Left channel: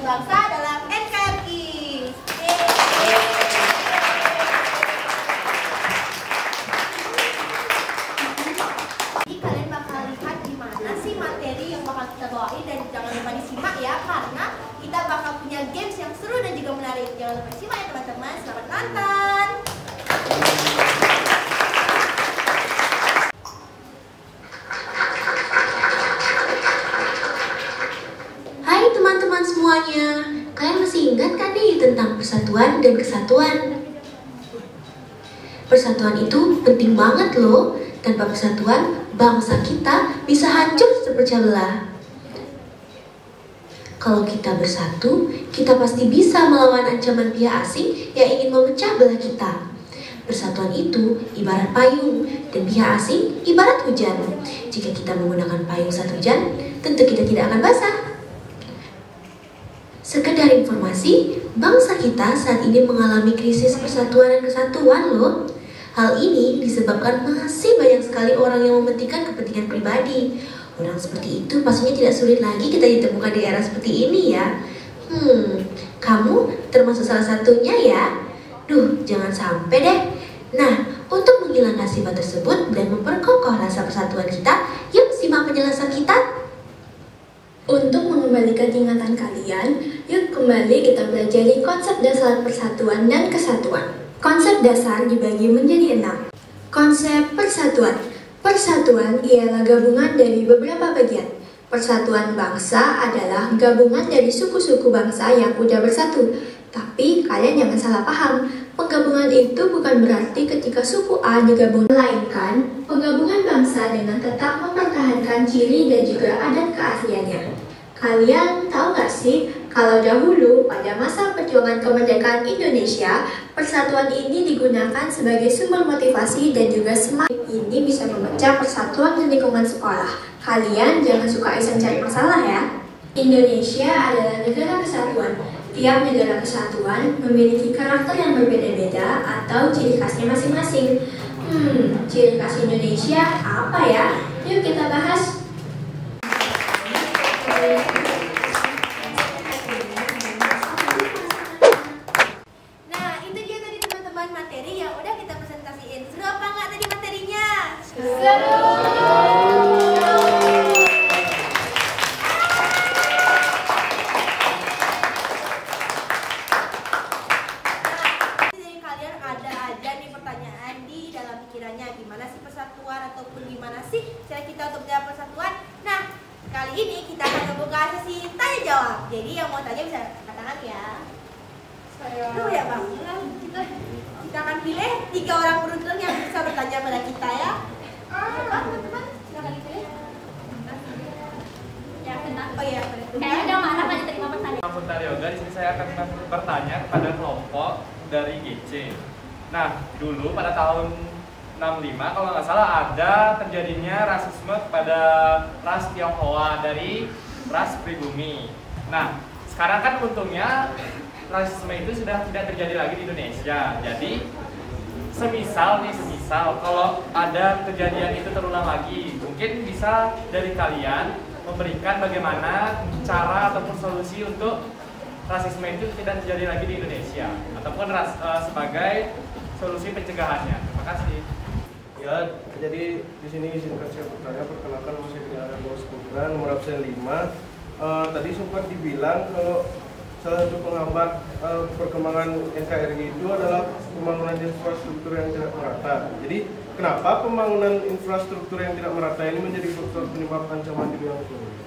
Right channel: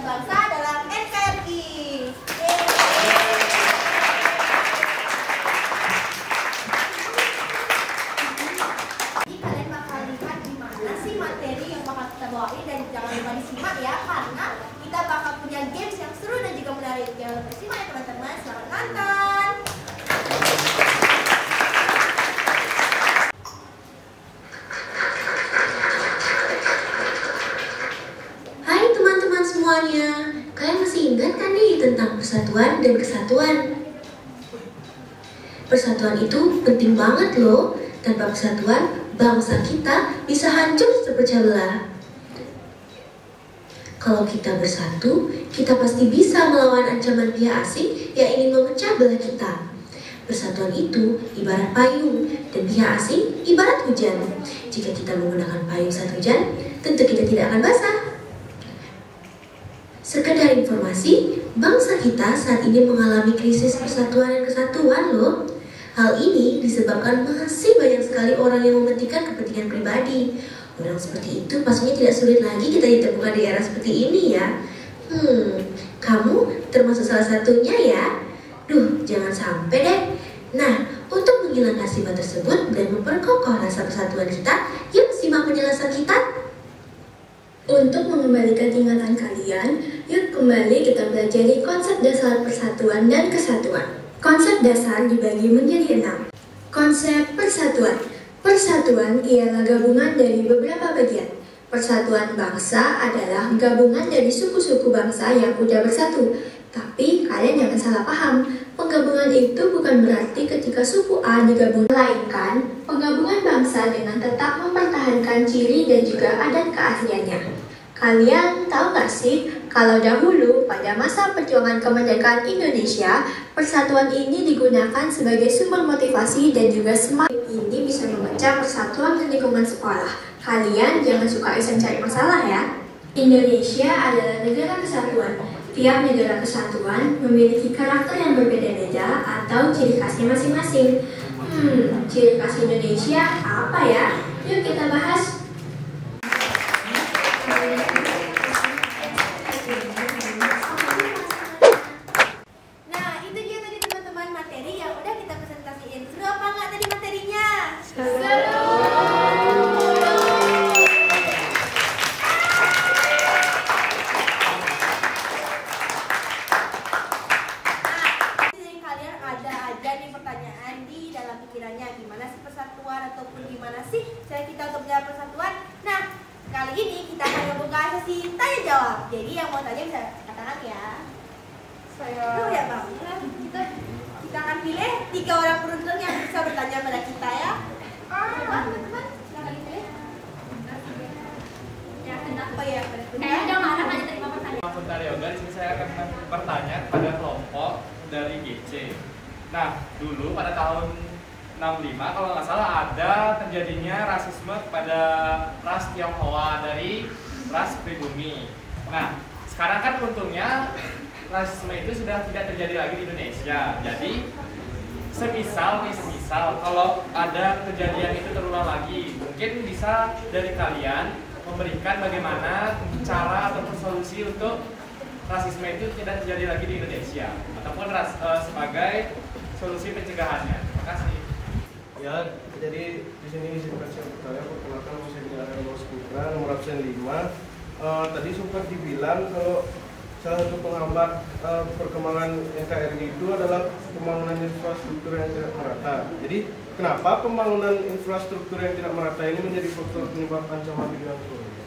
Persatuan Bangsa dalam NKRI. Jadi kalian bakal lihat gimana sih materi yang bakal kita bawain, dan jangan lupa disimak ya, karena kita bakal punya games yang seru dan juga menarik. Jangan lupa simak ya teman-teman. Selamat nonton. Hai teman-teman semuanya, kalian masih ingat kan nih tentang persatuan dan kesatuan? Persatuan itu penting banget loh. Tanpa persatuan, bangsa kita bisa hancur terpecah belah. Kalau kita bersatu, kita pasti bisa melawan ancaman pihak asing yang ingin memecah belah kita. Persatuan itu ibarat payung, dan pihak asing ibarat hujan. Jika kita menggunakan payung saat hujan, tentu kita tidak akan basah. Sekedar informasi, bangsa kita saat ini mengalami krisis persatuan dan kesatuan loh. Hal ini disebabkan masih banyak sekali orang yang mementingkan kepentingan pribadi. Orang seperti itu pastinya tidak sulit lagi kita ditemukan di era seperti ini ya. Kamu termasuk salah satunya ya? Jangan sampai deh. Nah, untuk menghilangkan sifat tersebut dan memperkokoh rasa persatuan kita, yuk simak penjelasan kita. Untuk mengembalikan ingatan kalian, yuk kembali kita pelajari konsep dasar persatuan dan kesatuan. Konsep dasar dibagi menjadi 6. Konsep persatuan. Persatuan ialah gabungan dari beberapa bagian. Persatuan bangsa adalah gabungan dari suku-suku bangsa yang udah bersatu. Tapi kalian jangan salah paham, penggabungan itu bukan berarti ketika suku A digabung, melainkan penggabungan bangsa dengan tetap mempertahankan ciri dan juga adat keasliannya. Kalian tahu gak sih, kalau dahulu pada masa perjuangan kemerdekaan Indonesia, persatuan ini digunakan sebagai sumber motivasi dan juga semangat. Ini bisa memecah persatuan di lingkungan sekolah. Kalian jangan suka iseng cari masalah ya. Indonesia adalah negara kesatuan. Tiap negara kesatuan memiliki karakter yang berbeda-beda atau ciri khasnya masing-masing. Ciri khas Indonesia apa ya? Yuk kita bahas. Nah, itu dia tadi teman-teman materi yang udah kita presentasiin. Seru apa nggak tadi materinya? Seru! Ada aja nih pertanyaan di dalam pikirannya, gimana sih persatuan ataupun gimana sih cara kita untuk menjaga persatuan. Nah, kali ini kita akan membuka sesi tanya jawab. Jadi yang mau tanya bisa katakan ya. Ya bang, kita akan pilih 3 orang beruntung yang bisa bertanya pada kita ya. Coba teman-teman, silakan dipilih. Oh ya, udah marah nggak diterima pertanyaan. Puntari Yoga, di sini saya akan bertanya kepada kelompok dari GC. Nah, dulu pada tahun 65 kalau nggak salah ada terjadinya rasisme kepada ras Tionghoa dari ras pribumi. Nah, sekarang kan untungnya rasisme itu sudah tidak terjadi lagi di Indonesia. Jadi, semisal kalau ada kejadian itu terulang lagi, mungkin bisa dari kalian memberikan bagaimana cara ataupun solusi untuk rasisme itu tidak terjadi lagi di Indonesia, ataupun sebagai solusi pencegahannya. Terima kasih. Ya, jadi di sini izinkan saya bertanya. Perkenalkan, saya Dinar Bos Putra, nomor absen 5. Tadi sempat dibilang kalau salah satu penghambat perkembangan NKRI itu adalah pembangunan infrastruktur yang tidak merata. Jadi, kenapa pembangunan infrastruktur yang tidak merata ini menjadi faktor penyebab ancaman di bidang ekonomi?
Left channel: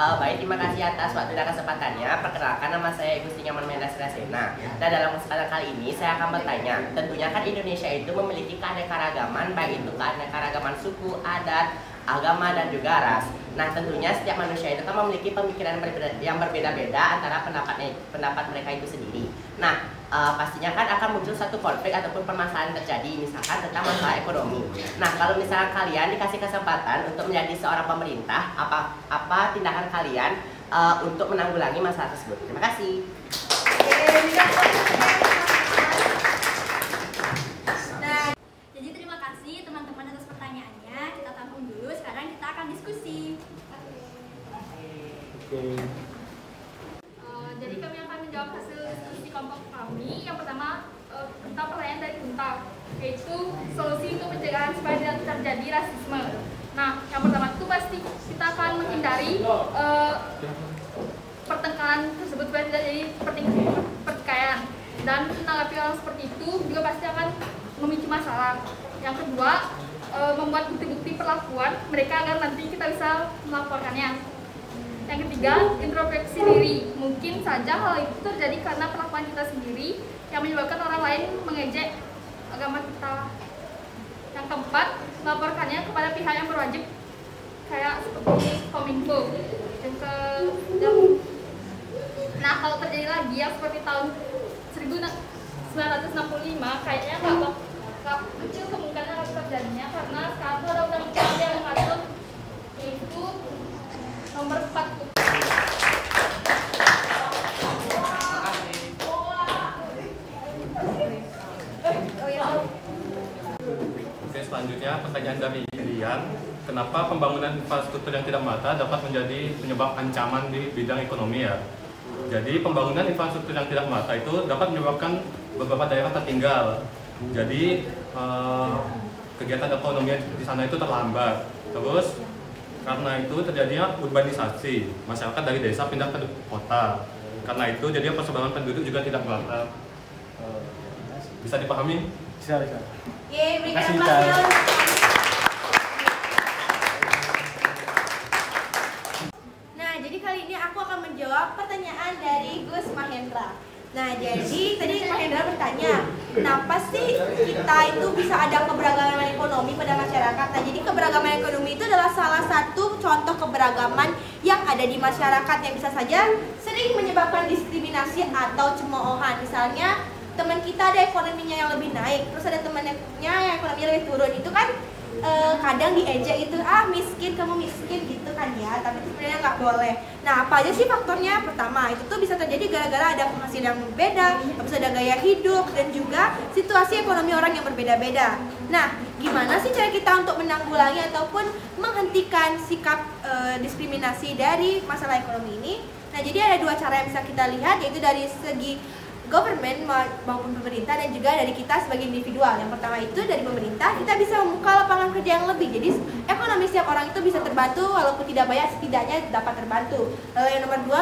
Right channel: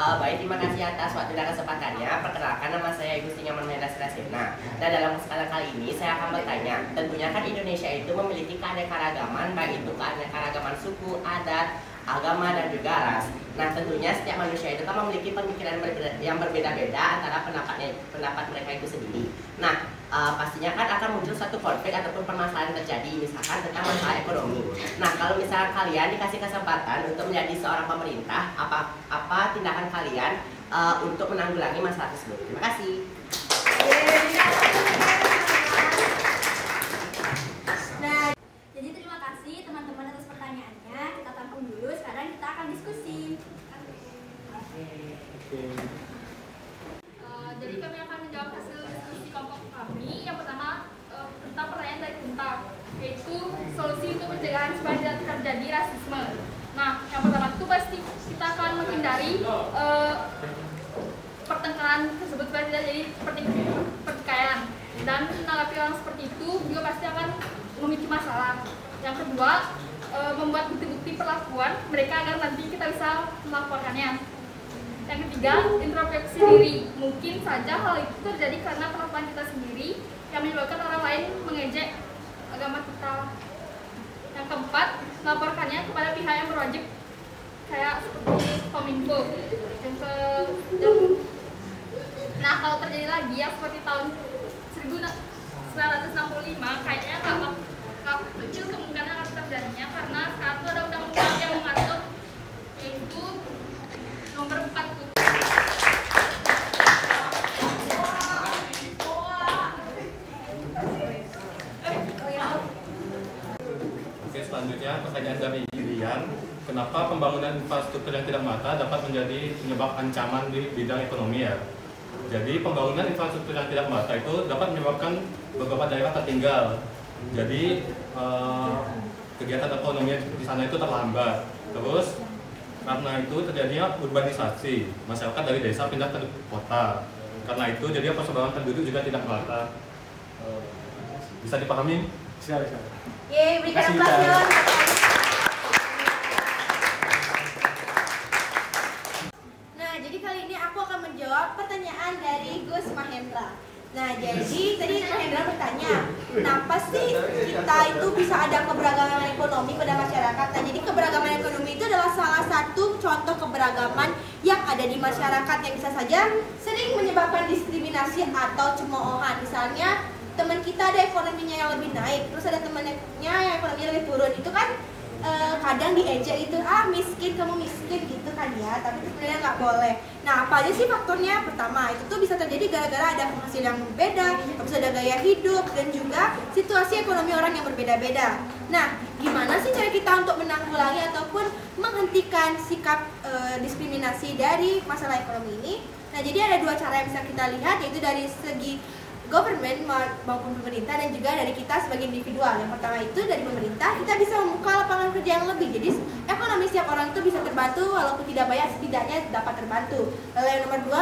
Baik, terima kasih atas waktu dan kesempatannya. Perkenalkan, nama saya Gusti Nyaman Mendas Rasena. Dan dalam kesempatan kali ini saya akan bertanya. Tentunya kan Indonesia itu memiliki keanekaragaman, baik itu keanekaragaman suku, adat, agama, dan juga ras. Nah, tentunya setiap manusia itu kan memiliki pemikiran yang berbeda-beda antara pendapat mereka itu sendiri. Nah, pastinya kan akan muncul satu konflik ataupun permasalahan terjadi, misalkan tentang masalah ekonomi. Nah, kalau misalkan kalian dikasih kesempatan untuk menjadi seorang pemerintah, apa tindakan kalian untuk menanggulangi masalah tersebut? Terima kasih. Nah, jadi terima kasih teman-teman atas pertanyaannya. Kita tampung dulu, sekarang kita akan diskusi. Oke. solusi untuk pencegahan supaya tidak terjadi rasisme. Nah, yang pertama itu pasti kita akan menghindari pertengkaran tersebut supaya tidak jadi pertikaian. Dan menanggapi orang seperti itu juga pasti akan memicu masalah. Yang kedua, membuat bukti-bukti perlakuan mereka agar nanti kita bisa melaporkannya. Yang ketiga, introspeksi diri. Mungkin saja hal itu terjadi karena perlakuan kita sendiri yang menyebabkan orang lain mengejek agama kita. Yang keempat, melaporkannya kepada pihak yang berwajib, kayak seperti Kominfo. Nah, kalau terjadi lagi ya seperti tahun 1965, kayaknya nggak kecil kemungkinan akan terjadinya karena sekarang itu ada undang-undang yang mengatur, yaitu nomor 4. Oke, selanjutnya pertanyaan dari Irian, kenapa pembangunan infrastruktur yang tidak merata dapat menjadi penyebab ancaman di bidang ekonomi ya? Jadi pembangunan infrastruktur yang tidak merata itu dapat menyebabkan beberapa daerah tertinggal. Jadi kegiatan ekonomi di sana itu terlambat. Terus karena itu terjadinya urbanisasi, masyarakat dari desa pindah ke kota. Karena itu jadi persebaran penduduk juga tidak merata. Bisa dipahami? Bisa. Yeay, Kasih berikan kita. Nah, jadi kali ini aku akan menjawab pertanyaan dari Gus Mahendra. Nah, jadi tadi Mahendra bertanya, kenapa sih kita itu bisa ada keberagaman ekonomi pada masyarakat? Nah, jadi keberagaman ekonomi itu adalah salah satu contoh keberagaman yang ada di masyarakat yang bisa saja sering menyebabkan diskriminasi atau cemoohan. Misalnya, teman kita ada ekonominya yang lebih naik, terus ada temannya yang ekonominya lebih turun, itu kan kadang diejek itu, miskin, kamu miskin gitu kan ya, tapi itu sebenarnya nggak boleh. Nah, apa aja sih faktornya? Pertama, itu tuh bisa terjadi gara-gara ada penghasilan yang berbeda, habis ada gaya hidup, dan juga situasi ekonomi orang yang berbeda-beda. Nah, gimana sih cara kita untuk menanggulangi ataupun menghentikan sikap diskriminasi dari masalah ekonomi ini? Nah, jadi ada dua cara yang bisa kita lihat, yaitu dari segi government maupun pemerintah dan juga dari kita sebagai individual. Yang pertama itu dari pemerintah, kita bisa membuka lapangan kerja yang lebih. Jadi ekonomi setiap orang itu bisa terbantu walaupun tidak banyak, setidaknya dapat terbantu. Lalu yang nomor dua,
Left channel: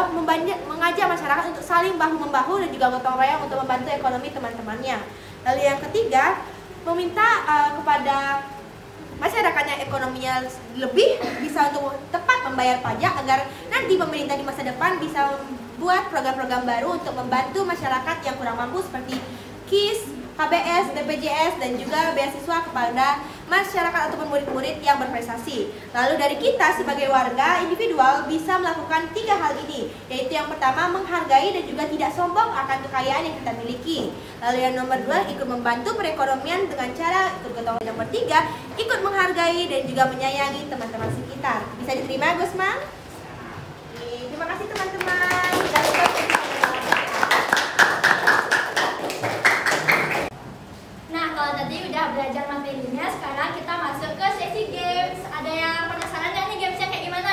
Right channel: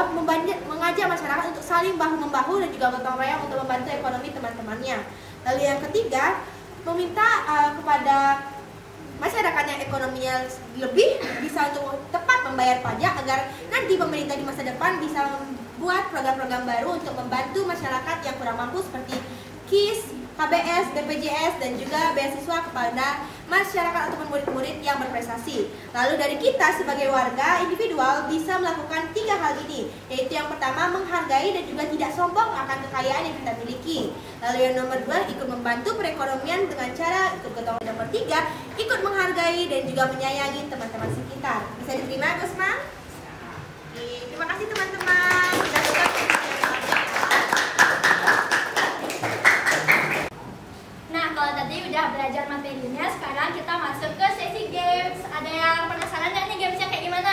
mengajak masyarakat untuk saling bahu-membahu dan juga gotong royong untuk membantu ekonomi teman-temannya. Lalu yang ketiga, meminta kepada masyarakatnya ekonominya lebih bisa untuk tepat membayar pajak agar nanti pemerintah di masa depan bisa buat program-program baru untuk membantu masyarakat yang kurang mampu seperti KIS, KBS, BPJS, dan juga beasiswa kepada masyarakat ataupun murid-murid yang berprestasi. Lalu dari kita sebagai warga individual bisa melakukan 3 hal ini, yaitu yang pertama menghargai dan juga tidak sombong akan kekayaan yang kita miliki. Lalu yang nomor 2, ikut membantu perekonomian dengan cara ikut gotong royong. Nomor 3, ikut menghargai dan juga menyayangi teman-teman sekitar. Bisa diterima, Gusma? Terima kasih teman-teman. Nah, kalau tadi udah belajar materinya, sekarang kita masuk ke sesi games. Ada yang penasaran nggak nih gamesnya kayak gimana?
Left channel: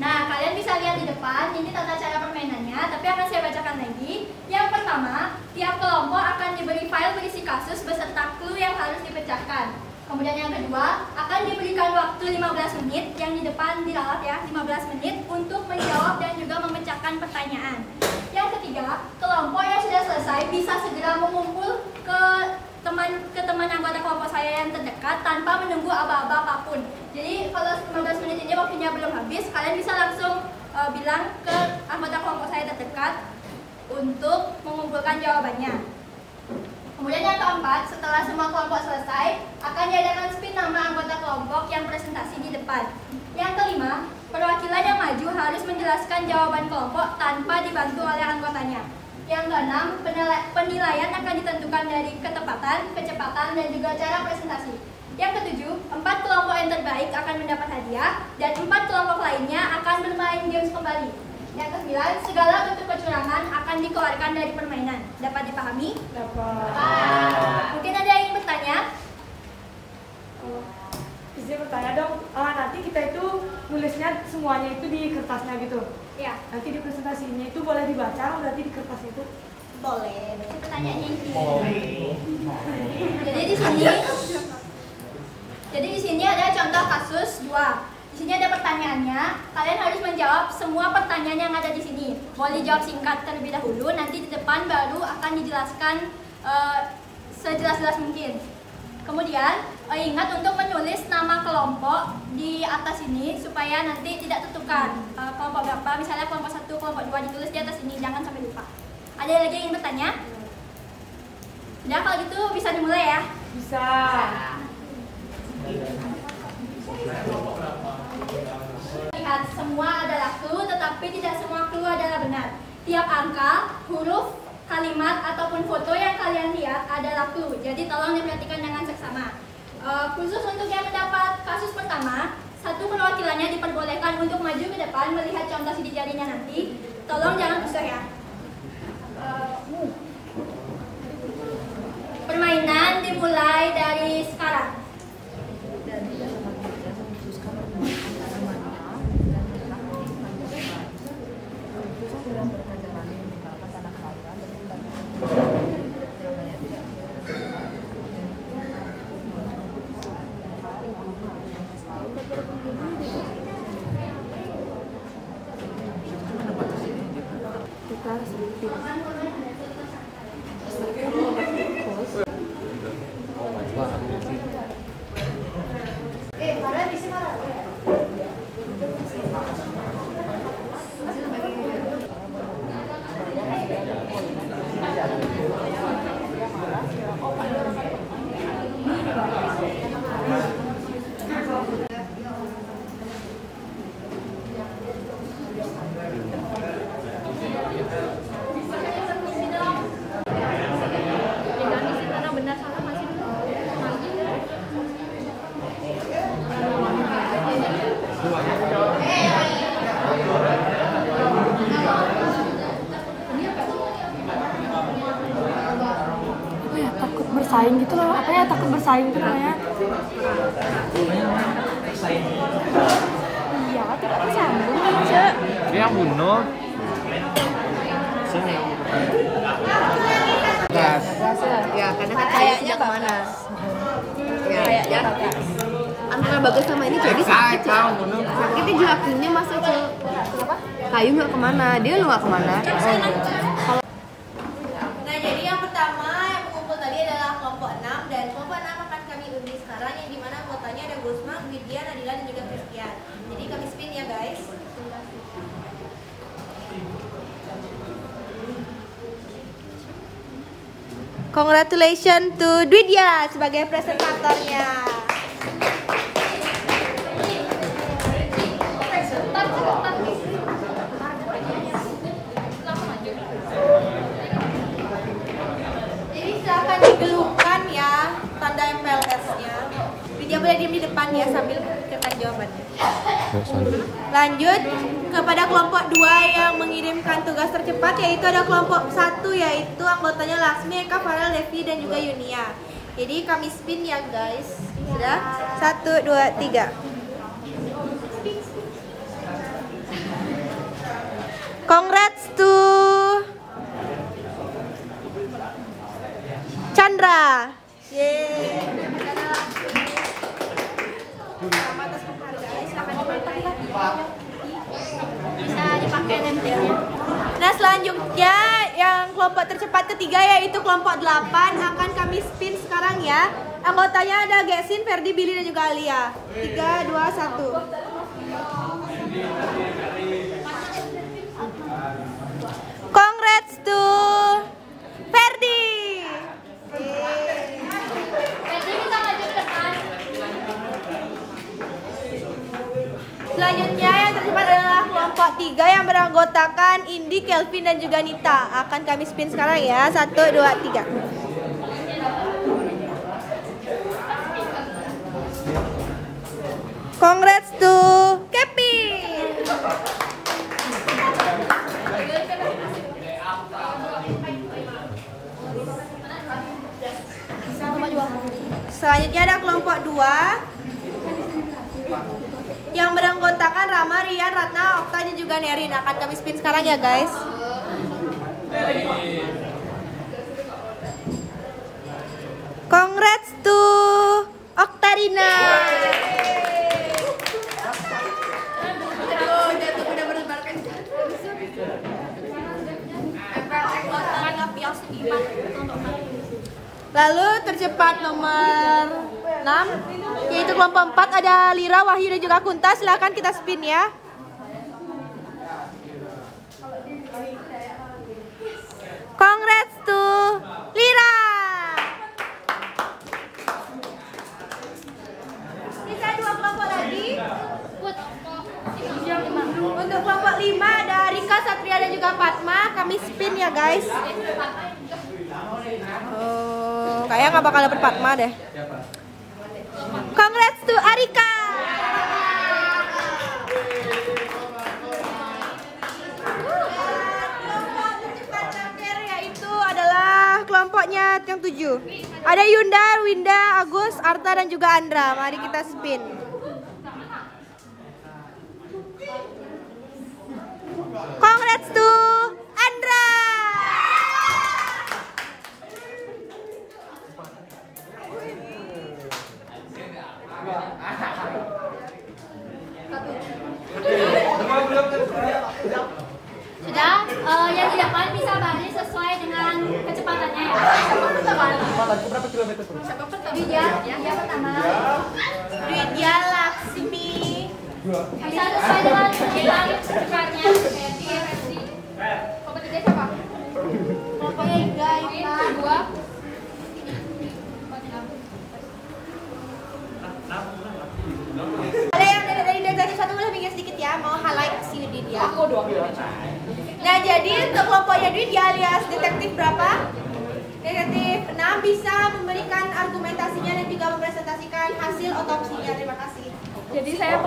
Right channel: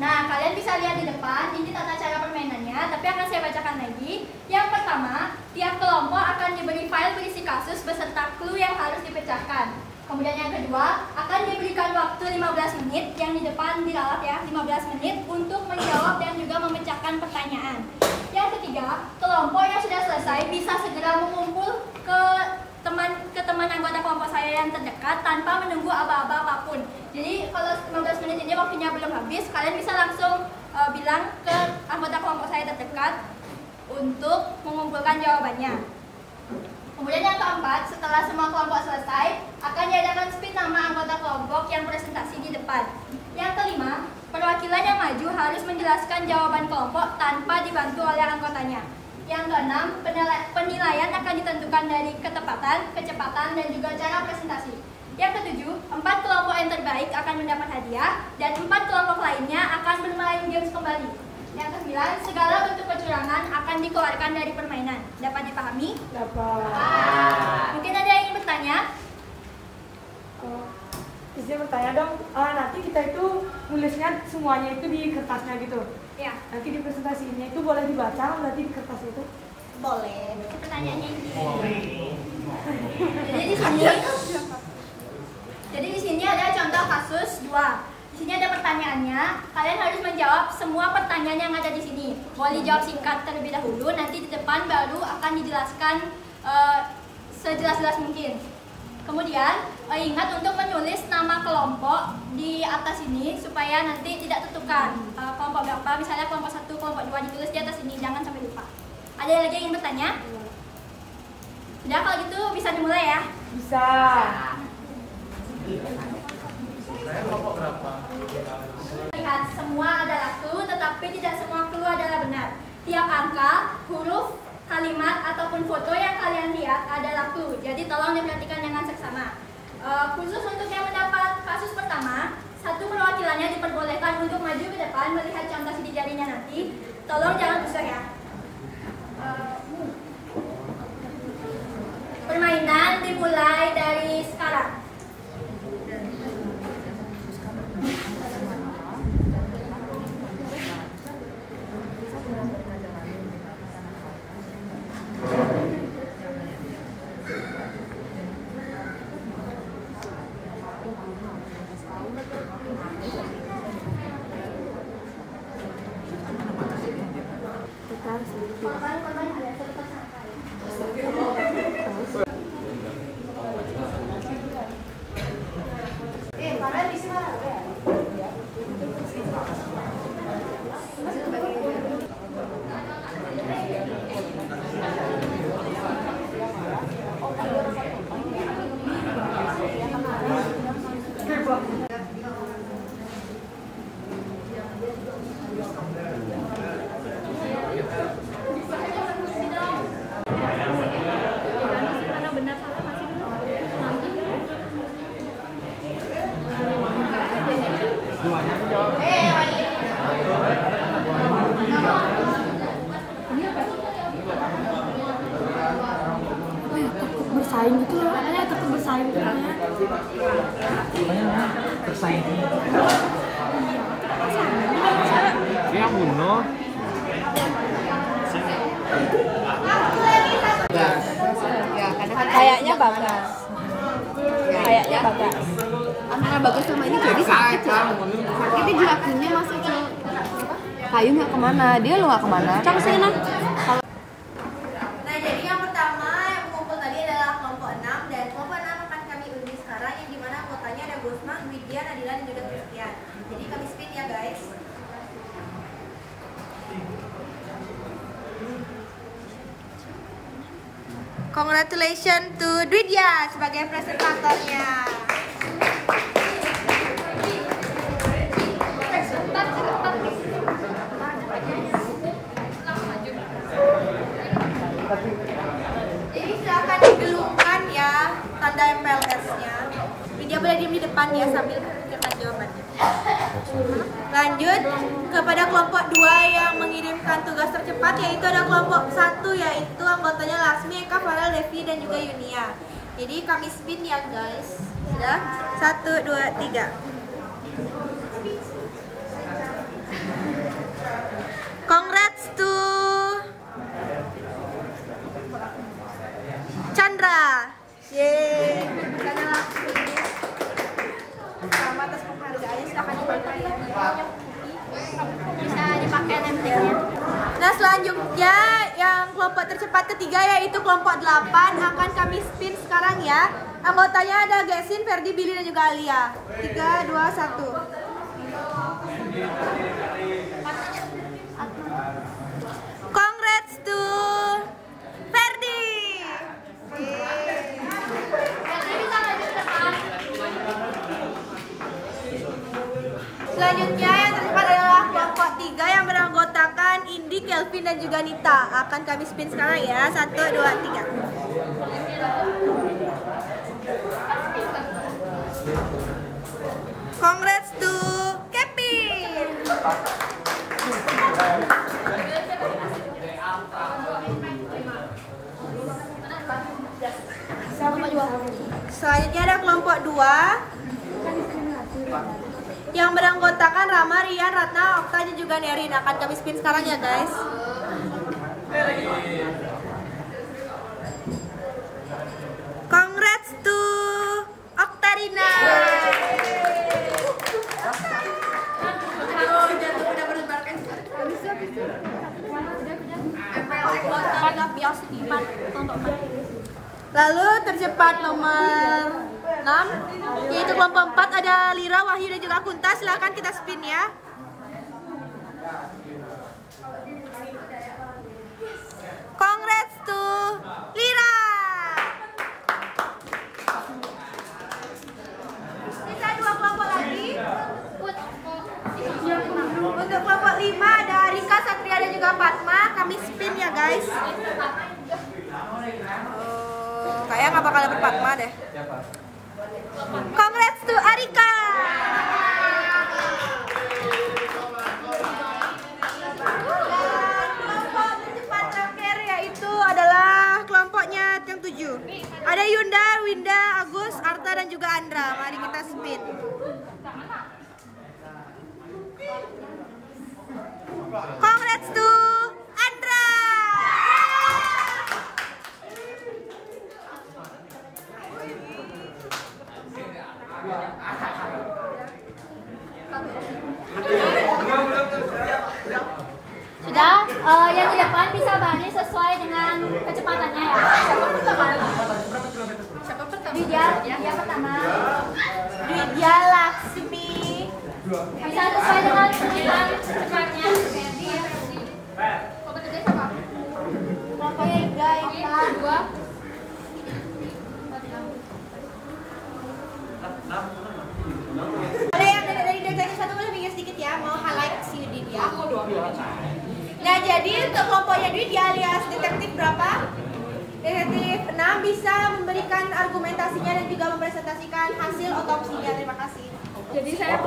Nah, kalian bisa lihat di depan, ini tata cara permainannya, tapi akan saya bacakan lagi. Yang pertama, tiap kelompok akan diberi file berisi kasus beserta clue yang harus dipecahkan. Kemudian yang kedua, akan diberikan waktu 15 menit, yang di depan diralat ya, 15 menit untuk menjawab dan juga memecahkan pertanyaan. Yang ketiga, kelompok yang sudah selesai bisa segera mengumpul ke teman anggota kelompok saya yang terdekat tanpa menunggu aba-aba apapun. Jadi kalau 15 menit ini waktunya belum habis, kalian bisa langsung bilang ke anggota kelompok saya terdekat untuk mengumpulkan jawabannya. Kemudian yang keempat, setelah semua kelompok selesai, akan diadakan spin nama anggota kelompok yang presentasi di depan. Yang kelima, perwakilan yang maju harus menjelaskan jawaban kelompok tanpa dibantu oleh anggotanya. Yang keenam, penilaian akan ditentukan dari ketepatan, kecepatan, dan juga cara presentasi. Yang ketujuh, 4 kelompok yang terbaik akan mendapat hadiah, dan 4 kelompok lainnya akan bermain games kembali. Yang kesembilan, segala bentuk kecurangan akan dikeluarkan dari permainan. Dapat dipahami? Mungkin ada yang ingin bertanya? Bisa bertanya dong, nanti kita itu nulisnya semuanya itu di kertasnya gitu. Ya. Nanti di presentasinya itu boleh dibaca nanti di kertas itu. Boleh. Pertanyaannya ini. Jadi di sini ada contoh kasus 2. Di sini ada pertanyaannya. Kalian harus menjawab semua pertanyaan yang ada di sini. Boleh jawab singkat terlebih dahulu. Nanti di depan baru akan dijelaskan sejelas-jelas mungkin. Kemudian ingat untuk menulis nama kelompok di atas ini supaya nanti tidak tertukar. Kelompok berapa? Misalnya kelompok 1, kelompok 2 ditulis di atas ini. Jangan sampai lupa. Ada lagi yang ingin bertanya? Sudah, kalau gitu bisa dimulai ya? Bisa. Lihat, semua adalah clue, tetapi tidak semua clue adalah benar. Tiap angka, huruf, kalimat, ataupun foto yang kalian lihat adalah clue. Jadi tolong diperhatikan dengan seksama. Khusus untuk yang mendapat kasus pertama, satu perwakilannya diperbolehkan untuk maju ke depan melihat contoh sidik jarinya nanti. Tolong jangan usah ya. Permainan dimulai dari sekarang. Takut bersaing gitu loh. Apa ya takut bersaing gitu namanya? Iya, tidak bersaing. Dia bunuh. Ya, karena kan kayaknya kemana? Ya. Antara Bagas sama ini jadi sakit ya. Sakitnya juga akhirnya masuk ke kayu nggak kemana, dia lu nggak kemana. Nah, jadi yang pertama yang mengumpul tadi adalah kelompok 6 dan kelompok 6 akan kami undi sekarang yang dimana anggotanya ada Gusma, Widya, Nadila, dan juga Christian. Jadi kami spin ya guys. Congratulations to Dwidya sebagai presentatornya. Jadi silakan digelupkan ya tanda MPLS-nya. Widya boleh diam di depan ya sambil menceritakan jawabannya. Lanjut kepada kelompok 2 yang mengirimkan tugas tercepat, yaitu ada kelompok 1 yaitu anggotanya Laksmi, Eka, Farel, Devi, dan juga Yunia. Jadi kami spin ya guys. Sudah? 1, 2, 3. Congrats to Chandra. Yeay. Bisa dipakai nemteknya. Nah, selanjutnya yang kelompok tercepat ketiga yaitu kelompok 8 akan kami spin sekarang ya. Anggotanya ada Gesin, Ferdi, Billy, dan juga Alia. 3, 2, 1. Congrats to Ferdi. Selanjutnya yang tercepat adalah kelompok 3 yang beranggotakan Indi, Kelvin, dan juga Nita. Akan kami spin sekarang ya. 1, 2, 3. Congrats to Kepi. Selanjutnya ada kelompok 2 yang beranggotakan Rama, Rian, Ratna, Okta, dan juga Nerin. Akan kami spin sekarang ya guys. Congrats to Oktarina. Lalu tercepat nomor 6 yaitu kelompok 4 ada Lira, Wahyu, dan juga Kunta. Silakan kita spin ya. Congrats to Lira. Sisa 2 kelompok lagi. Untuk kelompok 5 ada Rika, Satria, dan juga Fatma. Kami spin ya guys. Kayaknya nggak bakal dapet Fatma deh. Congrats to Arika. Kelompok tercepat terakhir yaitu adalah kelompoknya yang 7. Ada Yunda, Winda, Agus, Arta, dan juga Andra. Mari kita spin. Congrats to Andra. Sudah, yang di depan bisa baris sesuai dengan kecepatannya ya. Siapa pertama? Siapa pertama? Dia pertama. Widya Laksmi. Bisa sesuai dengan kecepatnya. Kelompok 3 siapa? Kelompoknya Iga, Ika. 2. Ada yang dari detektif 1 boleh minggir sedikit ya, mau highlight si Udin ya. Nah jadi untuk kelompoknya Udin alias detektif berapa? Detektif 6 bisa memberikan argumentasinya dan juga mempresentasikan hasil otopsinya. Terima kasih. Jadi saya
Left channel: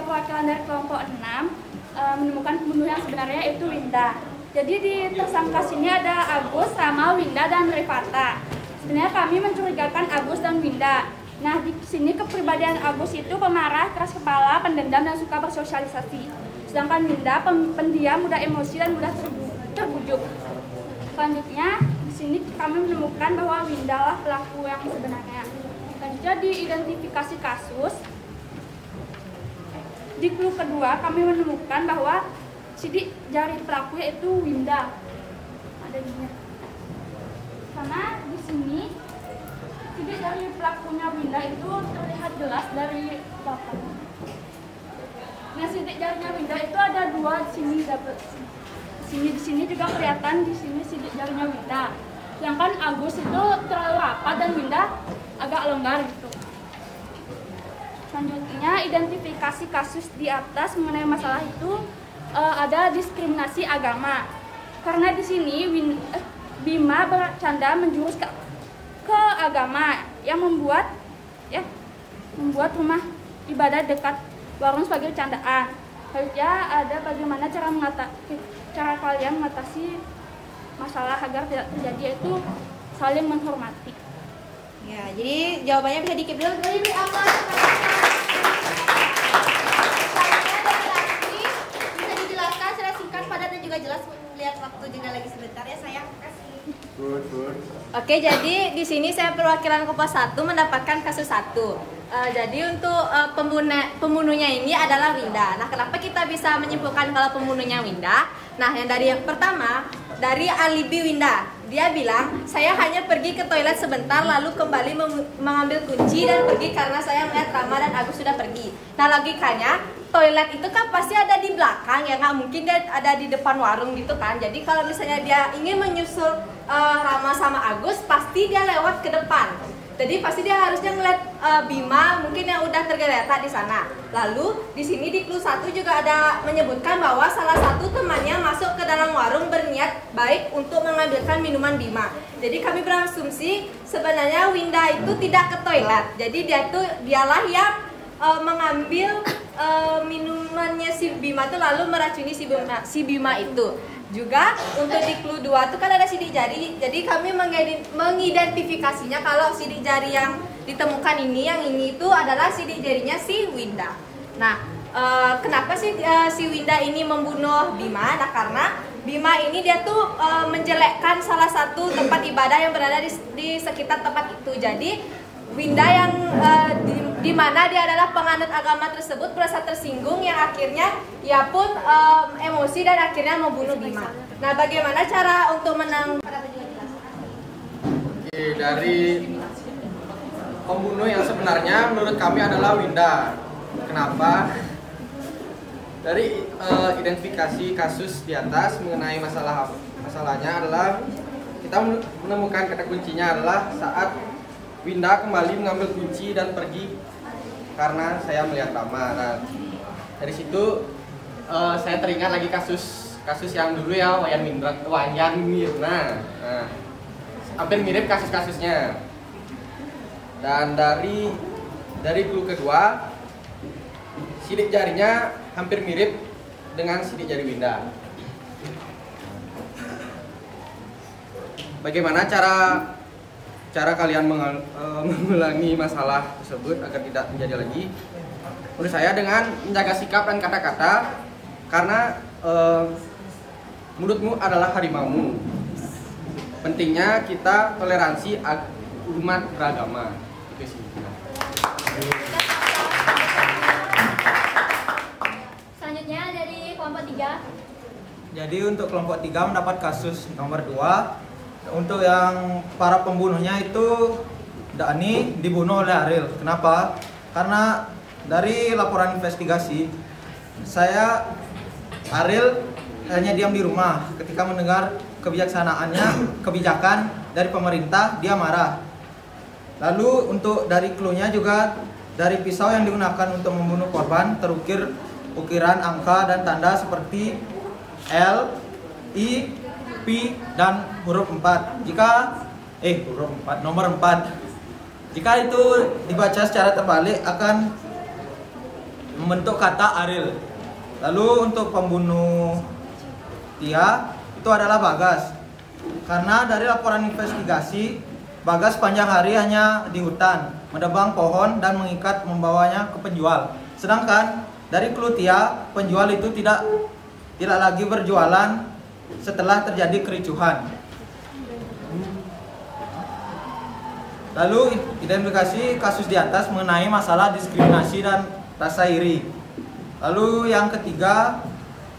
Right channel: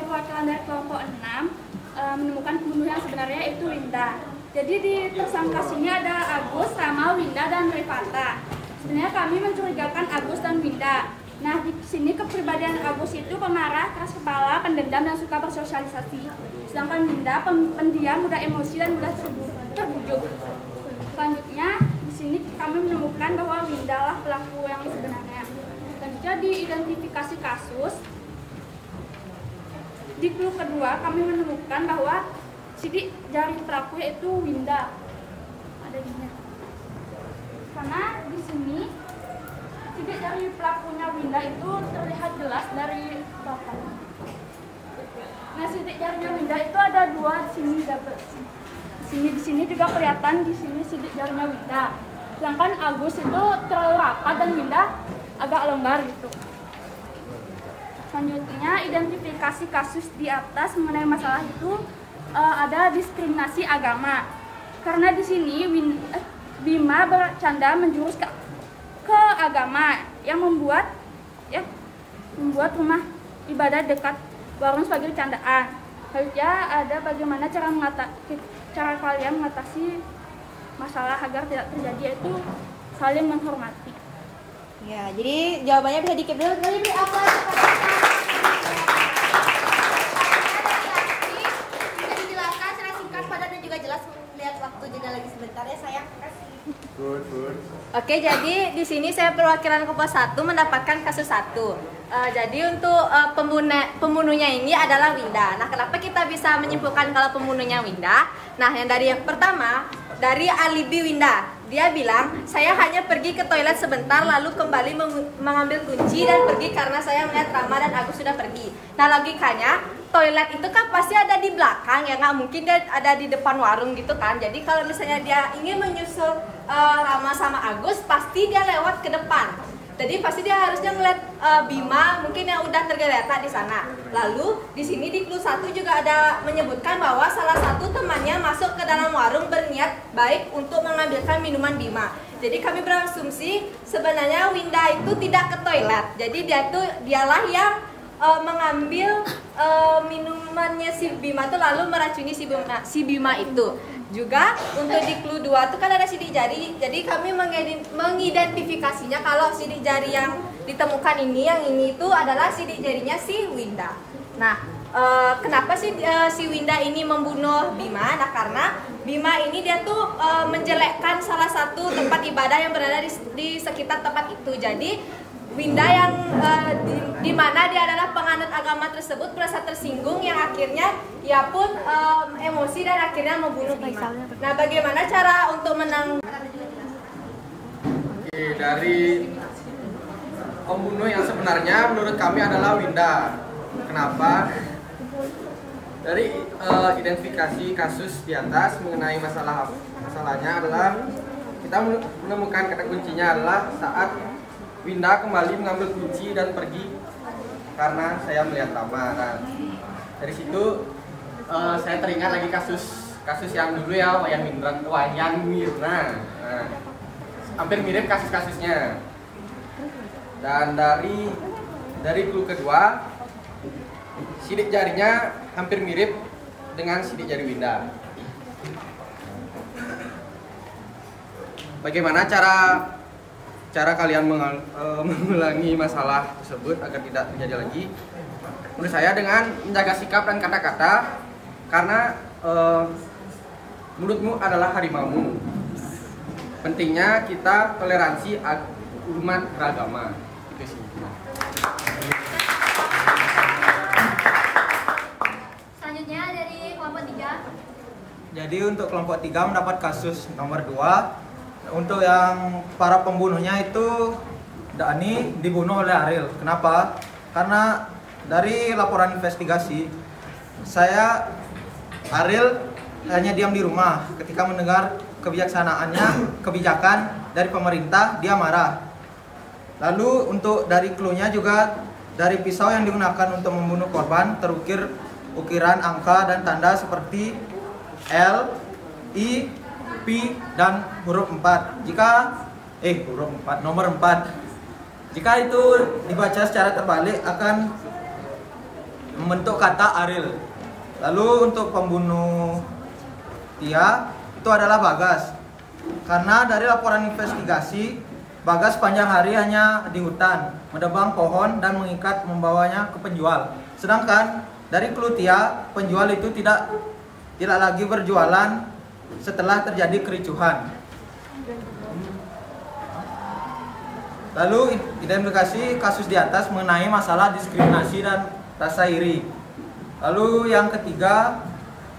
perwakilan dari kelompok 6 menemukan pembunuh yang sebenarnya yaitu Winda. Jadi di tersangka sini ada Agus, Rama, Winda, dan Rifata. Sebenarnya kami mencurigakan Agus dan Winda. Nah di sini kepribadian Agus itu pemarah, keras kepala, pendendam, dan suka bersosialisasi. Sedangkan Winda pendiam, mudah emosi, dan mudah terbujuk. Selanjutnya di sini kami menemukan bahwa Winda lah pelaku yang sebenarnya. Selanjutnya di identifikasi kasus. Di clue kedua kami menemukan bahwa sidik jari pelaku yaitu Winda. Ada ini. Karena di sini sidik jari pelakunya Winda itu terlihat jelas dari belakang. Nah, sidik jarinya Winda itu ada 2 di sini dapat. Di sini juga kelihatan di sini sidik jarinya Winda. Sedangkan Agus itu terlalu rapat dan Winda agak longgar gitu. Selanjutnya identifikasi kasus di atas mengenai masalah itu ada diskriminasi agama. Karena di sini Bima bercanda menjurus ke agama yang membuat rumah ibadah dekat warung sebagai candaan. Selanjutnya ada bagaimana cara kalian mengatasi masalah agar tidak terjadi, yaitu saling menghormati. Ya, jadi jawabannya bisa dikip dulu. Boleh beri aplaus. Bisa dijelaskan secara singkat, padat, dan juga jelas. Lihat waktu juga lagi sebentar ya sayang. Good. Oke, jadi di sini saya perwakilan kelompok 1 mendapatkan kasus 1. Jadi untuk pembunuhnya ini adalah Winda. Nah, kenapa kita bisa menyimpulkan kalau pembunuhnya Winda? Nah, yang pertama dari alibi Winda. Dia bilang, saya hanya pergi ke toilet sebentar lalu kembali mengambil kunci dan pergi karena saya melihat Rama dan Agus sudah pergi. Nah, logikanya toilet itu kan pasti ada di belakang ya, nggak mungkin dia ada di depan warung gitu kan. Jadi kalau misalnya dia ingin menyusul Rama sama Agus, pasti dia lewat ke depan. Jadi pasti dia harusnya ngeliat Bima mungkin yang udah tergeletak di sana. Lalu di sini di clue 1 juga ada menyebutkan bahwa salah satu temannya masuk ke dalam warung berniat baik untuk mengambilkan minuman Bima. Jadi kami berasumsi sebenarnya Winda itu tidak ke toilet. Jadi dialah yang mengambil minumannya si Bima itu lalu meracuni si Bima itu. Juga untuk di clue 2 itu kan ada sidik jari. Jadi kami mengidentifikasinya kalau sidik jari yang ditemukan ini, yang ini itu adalah sidik jarinya si Winda. Nah, kenapa sih si Winda ini membunuh Bima? Nah, karena Bima ini dia tuh menjelekkan salah satu tempat ibadah yang berada di sekitar tempat itu. Jadi Winda yang di mana dia adalah penganut agama tersebut merasa tersinggung, yang akhirnya ia pun emosi dan akhirnya membunuh Bima. Nah, bagaimana cara untuk menang? Dari pembunuh yang sebenarnya menurut kami adalah Winda. Kenapa? Dari identifikasi kasus di atas mengenai masalahnya adalah kita menemukan kata kuncinya adalah saat Winda kembali mengambil kunci dan pergi karena saya melihat lama. Nah, dari situ saya teringat lagi kasus yang dulu ya, Wayan Mirna. Nah, hampir mirip kasus-kasusnya. Dan dari clue kedua, sidik jarinya hampir mirip dengan sidik jari Winda. Bagaimana cara kalian mengulangi masalah tersebut agar tidak terjadi lagi? Menurut saya dengan menjaga sikap dan kata-kata, karena mulutmu adalah harimaumu. Pentingnya kita toleransi umat beragama. Itu sih. Selanjutnya dari kelompok 3. Jadi untuk kelompok 3 mendapat kasus nomor 2. Untuk yang para pembunuhnya itu Dani dibunuh oleh Ariel. Kenapa? Karena dari laporan investigasi Ariel hanya diam di rumah. Ketika mendengar kebijakan dari pemerintah, dia marah. Lalu untuk dari clue-nya juga dari pisau yang digunakan untuk membunuh korban terukir ukiran angka dan tanda seperti L, I, P dan huruf 4. Nomor 4. Jika itu dibaca secara terbalik akan membentuk kata Ariel. Lalu untuk pembunuh Tia itu adalah Bagas. Karena dari laporan investigasi, Bagas sepanjang hari hanya di hutan, menebang pohon dan mengikat membawanya ke penjual. Sedangkan dari clue Tia, penjual itu tidak lagi berjualan setelah terjadi kericuhan. Lalu identifikasi kasus di atas mengenai masalah diskriminasi dan rasa iri. Lalu yang ketiga,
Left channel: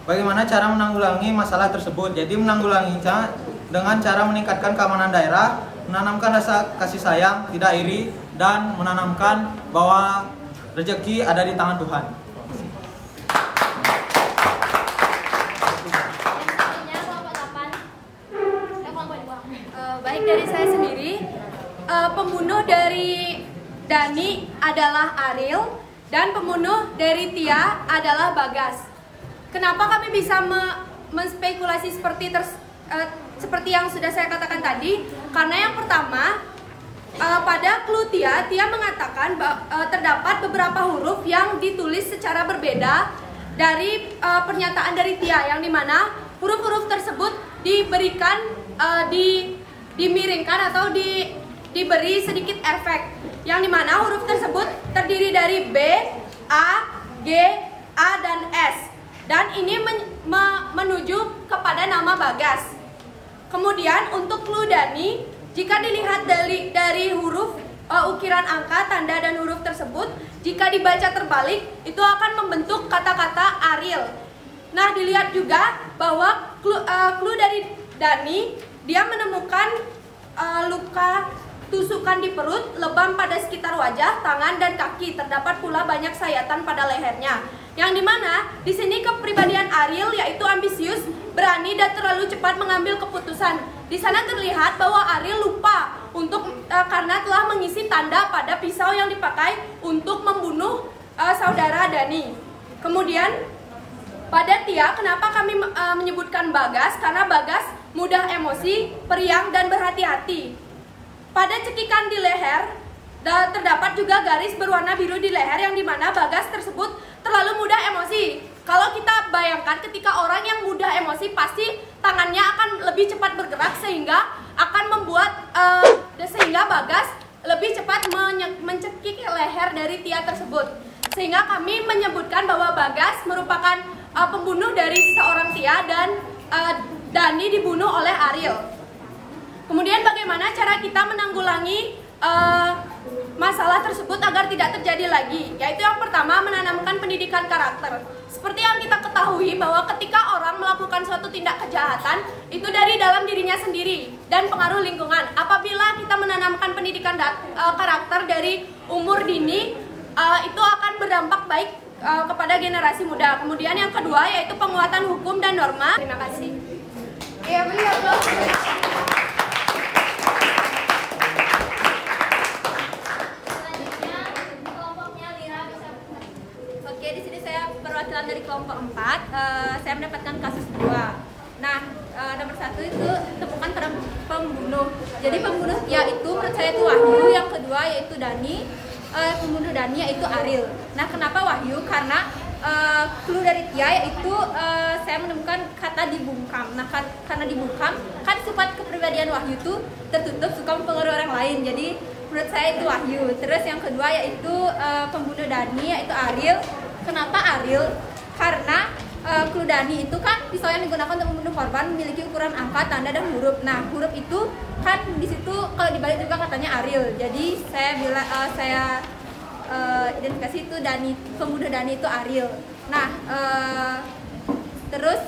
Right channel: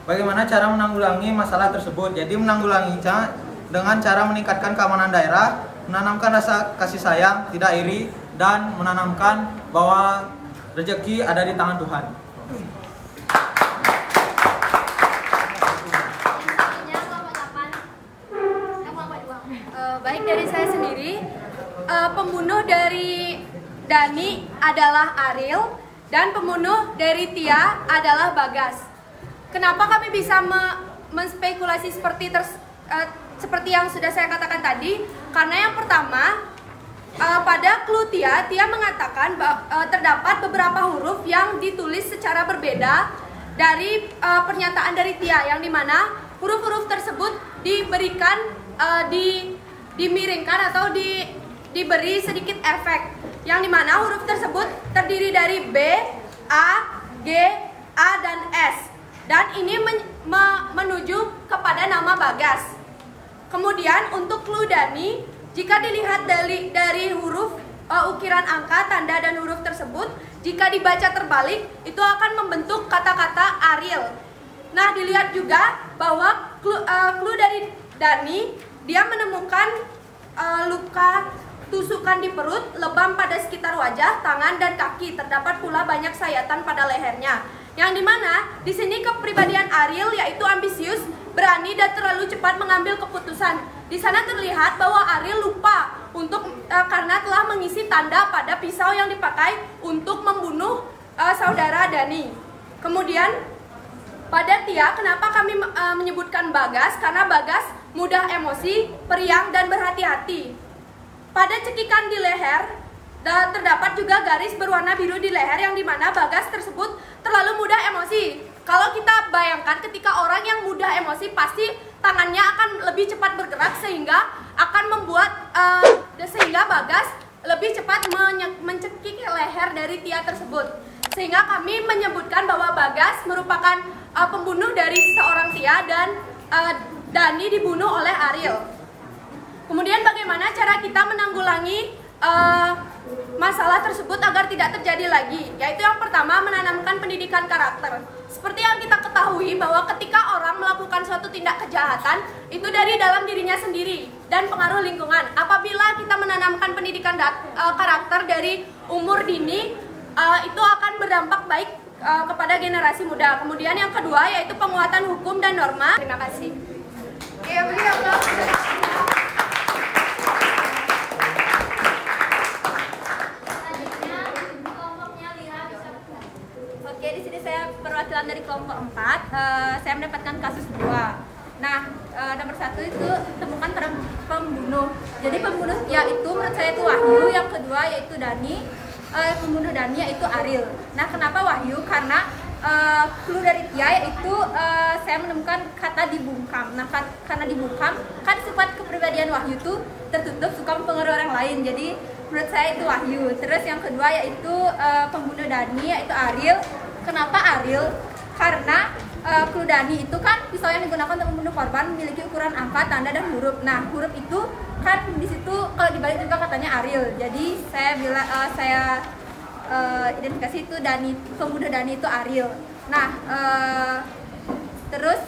bagaimana cara menanggulangi masalah tersebut? Jadi menanggulanginya dengan cara meningkatkan keamanan daerah, menanamkan rasa kasih sayang, tidak iri, dan menanamkan bahwa rezeki ada di tangan Tuhan. Baik, dari saya sendiri, pembunuh dari Dani adalah Ariel dan pembunuh dari Tia adalah Bagas. Kenapa kami bisa menspekulasi seperti yang sudah saya katakan tadi? Karena yang pertama, pada clue Tia mengatakan terdapat beberapa huruf yang ditulis secara berbeda dari pernyataan dari Tia, yang dimana huruf-huruf tersebut diberikan dimiringkan atau diberi sedikit efek, yang dimana huruf tersebut terdiri dari B, A, G, A, dan S, dan ini menuju kepada nama Bagas. Kemudian untuk clue Dani, jika dilihat dari huruf ukiran angka, tanda, dan huruf tersebut, jika dibaca terbalik itu akan membentuk kata-kata Ariel. Nah, dilihat juga bahwa clue dari Dani, dia menemukan luka tusukan di perut, lebam pada sekitar wajah, tangan, dan kaki. Terdapat pula banyak sayatan pada lehernya. Yang dimana di sini kepribadian Ariel yaitu ambisius, berani, dan terlalu cepat mengambil keputusan. Di sana terlihat bahwa Ariel lupa karena telah mengisi tanda pada pisau yang dipakai untuk membunuh saudara Dani. Kemudian pada Tia, kenapa kami menyebutkan Bagas? Karena Bagas mudah emosi, periang, dan berhati-hati. Pada cekikan di leher, terdapat juga garis berwarna biru di leher, yang dimana Bagas tersebut terlalu mudah emosi. Kalau kita bayangkan ketika orang yang mudah emosi, pasti tangannya akan lebih cepat bergerak sehingga akan membuat sehingga Bagas lebih cepat mencekik leher dari Tia tersebut. Sehingga kami menyebutkan bahwa Bagas merupakan pembunuh dari seorang Tia dan Dani dibunuh oleh Ariel. Kemudian bagaimana cara kita menanggulangi masalah tersebut agar tidak terjadi lagi? Yaitu yang pertama, menanamkan pendidikan karakter. Seperti yang kita ketahui bahwa ketika orang melakukan suatu tindak kejahatan, itu dari dalam dirinya sendiri dan pengaruh lingkungan. Apabila kita menanamkan pendidikan karakter dari umur dini, itu akan berdampak baik kepada generasi muda. Kemudian yang kedua yaitu penguatan hukum dan norma. Terima kasih. Ya, Oke, di sini saya perwakilan dari kelompok 4. Saya mendapatkan kasus 2. Nah, nomor 1 itu temukan pembunuh. Jadi pembunuh Tia itu menurut saya itu Wahyu. Yang kedua yaitu Dani. Pembunuh Dani yaitu Ariel. Nah, kenapa Wahyu? Karena clue dari Tia yaitu saya menemukan kata dibungkam. Nah, karena dibungkam kan sifat kepribadian Wahyu itu tertutup, suka mempengaruhi orang lain. Jadi menurut saya itu Wahyu. Terus yang kedua yaitu pembunuh Dani yaitu Ariel. Kenapa Ariel? Karena clue Dani itu kan pisau yang digunakan untuk membunuh korban memiliki ukuran angka, tanda, dan huruf. Nah, huruf itu kan di situ kalau dibalik juga katanya Ariel. Jadi saya identifikasi itu Dani, pembunuh Dani itu Ariel. Nah, terus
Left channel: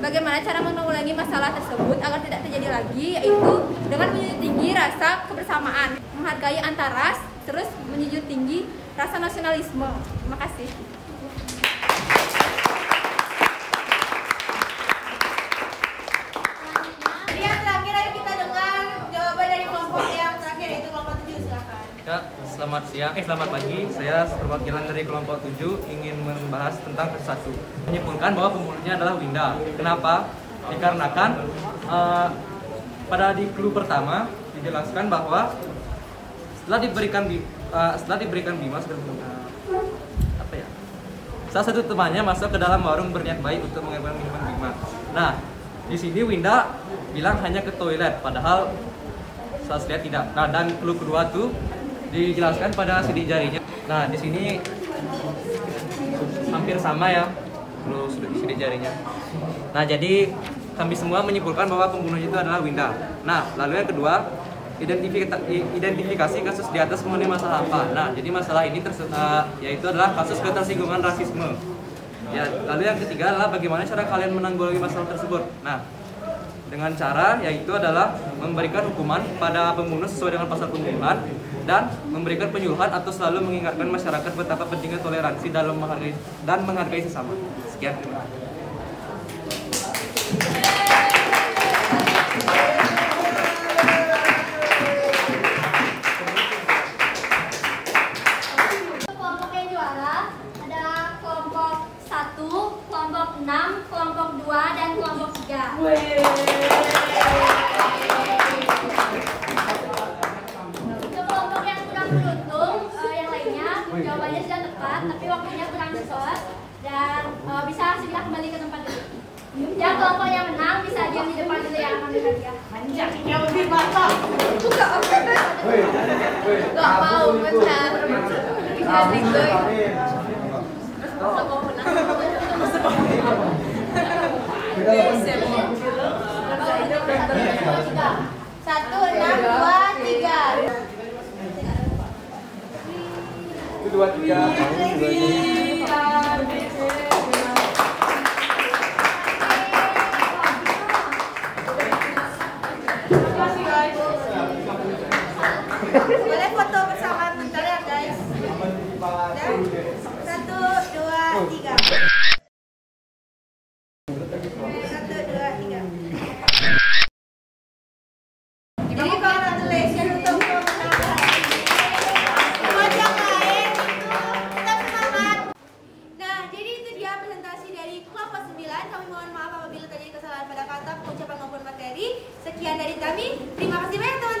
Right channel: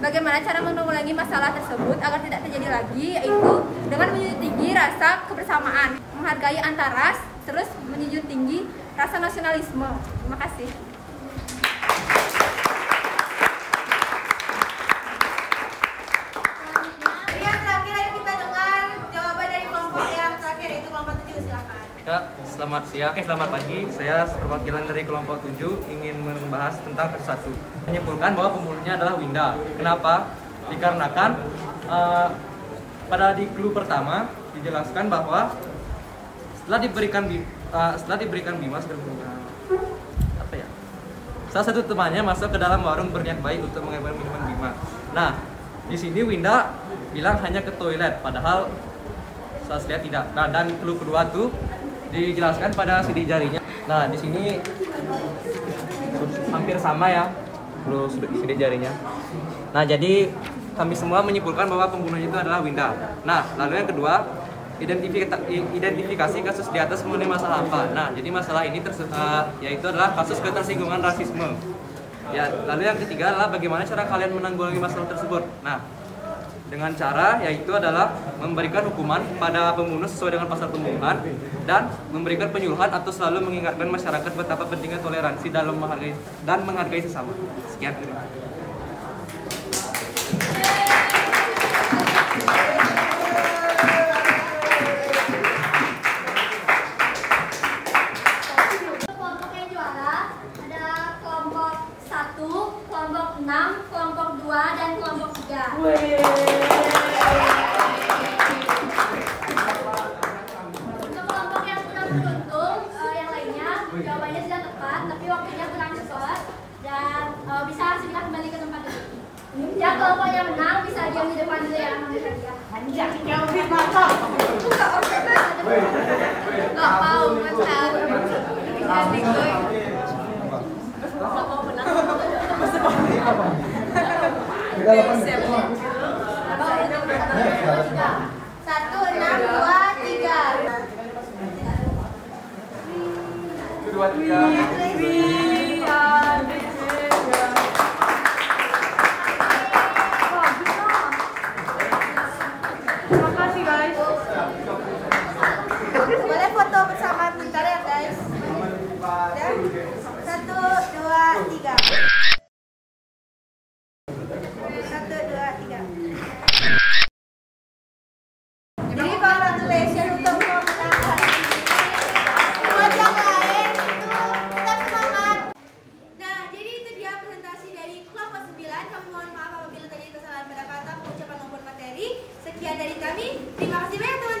bagaimana cara menanggulangi masalah tersebut agar tidak terjadi lagi, yaitu dengan menjunjung tinggi rasa kebersamaan, menghargai antaras, terus menjunjung tinggi rasa nasionalisme. Terima kasih. Yang terakhir kita dengar jawaban dari kelompok yang terakhir yaitu kelompok 7. Silakan. Ya, selamat pagi. Saya perwakilan dari kelompok 7 ingin membahas tentang kasus 1. Menyimpulkan bahwa pembunuhnya adalah Winda. Kenapa? Dikarenakan pada di clue pertama dijelaskan bahwa setelah diberikan Bima salah satu temannya masuk ke dalam warung berniat baik untuk mengambil minuman Bima. Nah, di sini Winda bilang hanya ke toilet, padahal saya lihat tidak. Nah, dan clue kedua tuh dijelaskan pada sidik jarinya. Nah, di sini hampir sama ya clue sidik jarinya. Nah, jadi kami semua menyimpulkan bahwa pembunuhnya itu adalah Winda. Nah, lalu yang kedua, identifikasi kasus di atas mengenai masalah apa. Nah, jadi masalah ini yaitu adalah kasus ketersinggungan rasisme. Ya, lalu yang ketiga adalah bagaimana cara kalian menanggulangi masalah tersebut. Nah, dengan cara yaitu adalah memberikan hukuman pada pembunuh sesuai dengan pasal pembunuhan dan memberikan penyuluhan atau selalu mengingatkan masyarakat betapa pentingnya toleransi dalam menghargai sesama. Sekian, terima kasih. Kelompok 6, kelompok 2, dan kelompok 3. Untuk kelompok yang kurang beruntung, yang lainnya jawabannya sudah tepat, tapi waktunya kurang cepat dan bisa segera kembali ke tempat duduk. Yang kelompok yang menang bisa diam di depan dulu ya, ambil hadiah. Gak mau menang. Satu, 6, 2, 3. Boleh foto bersama bentar ya guys. Dan 1, 2, 3. 1, 2, 3. Jadi congratulations untuk memenangkan. Buat yang lain itu tetap semangat. Nah, jadi itu dia presentasi dari kelompok 9. Kami mohon maaf apabila terjadi kesalahan pada kata, pengucapan maupun materi. Sekian dari kami. Terima kasih banyak teman-teman.